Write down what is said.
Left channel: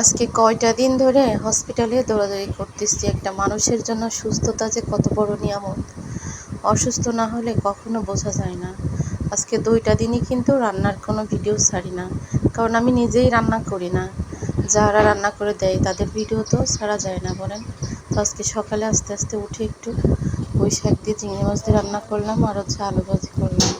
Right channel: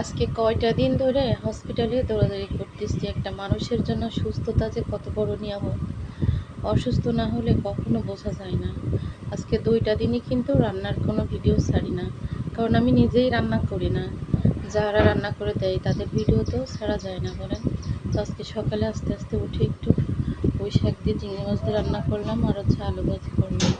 আজকে কয়টা দিন ধরে হসপিটালে দৌড়াদৌড়ি করতেছি। একটা মানুষের জন্য সুস্থতা যে কত বড় নিয়ামত, অসুস্থ না হলে কখনো বোঝা যায় না। আজকে 2টা দিনই কিন্তু রান্নার কোনো ভিডিও ছাড়ি না, কারণ আমি নিজেই রান্না করি না। যারা রান্না করে দেয় তাদের ভিডিও তো ছাড়া যায় না বলেন। তো আজকে সকালে আস্তে আস্তে উঠে একটু পুঁই শাক দিয়ে চিংড়ি মাছ দিয়ে রান্না করলাম, আর হচ্ছে আলু ভাজি করলাম।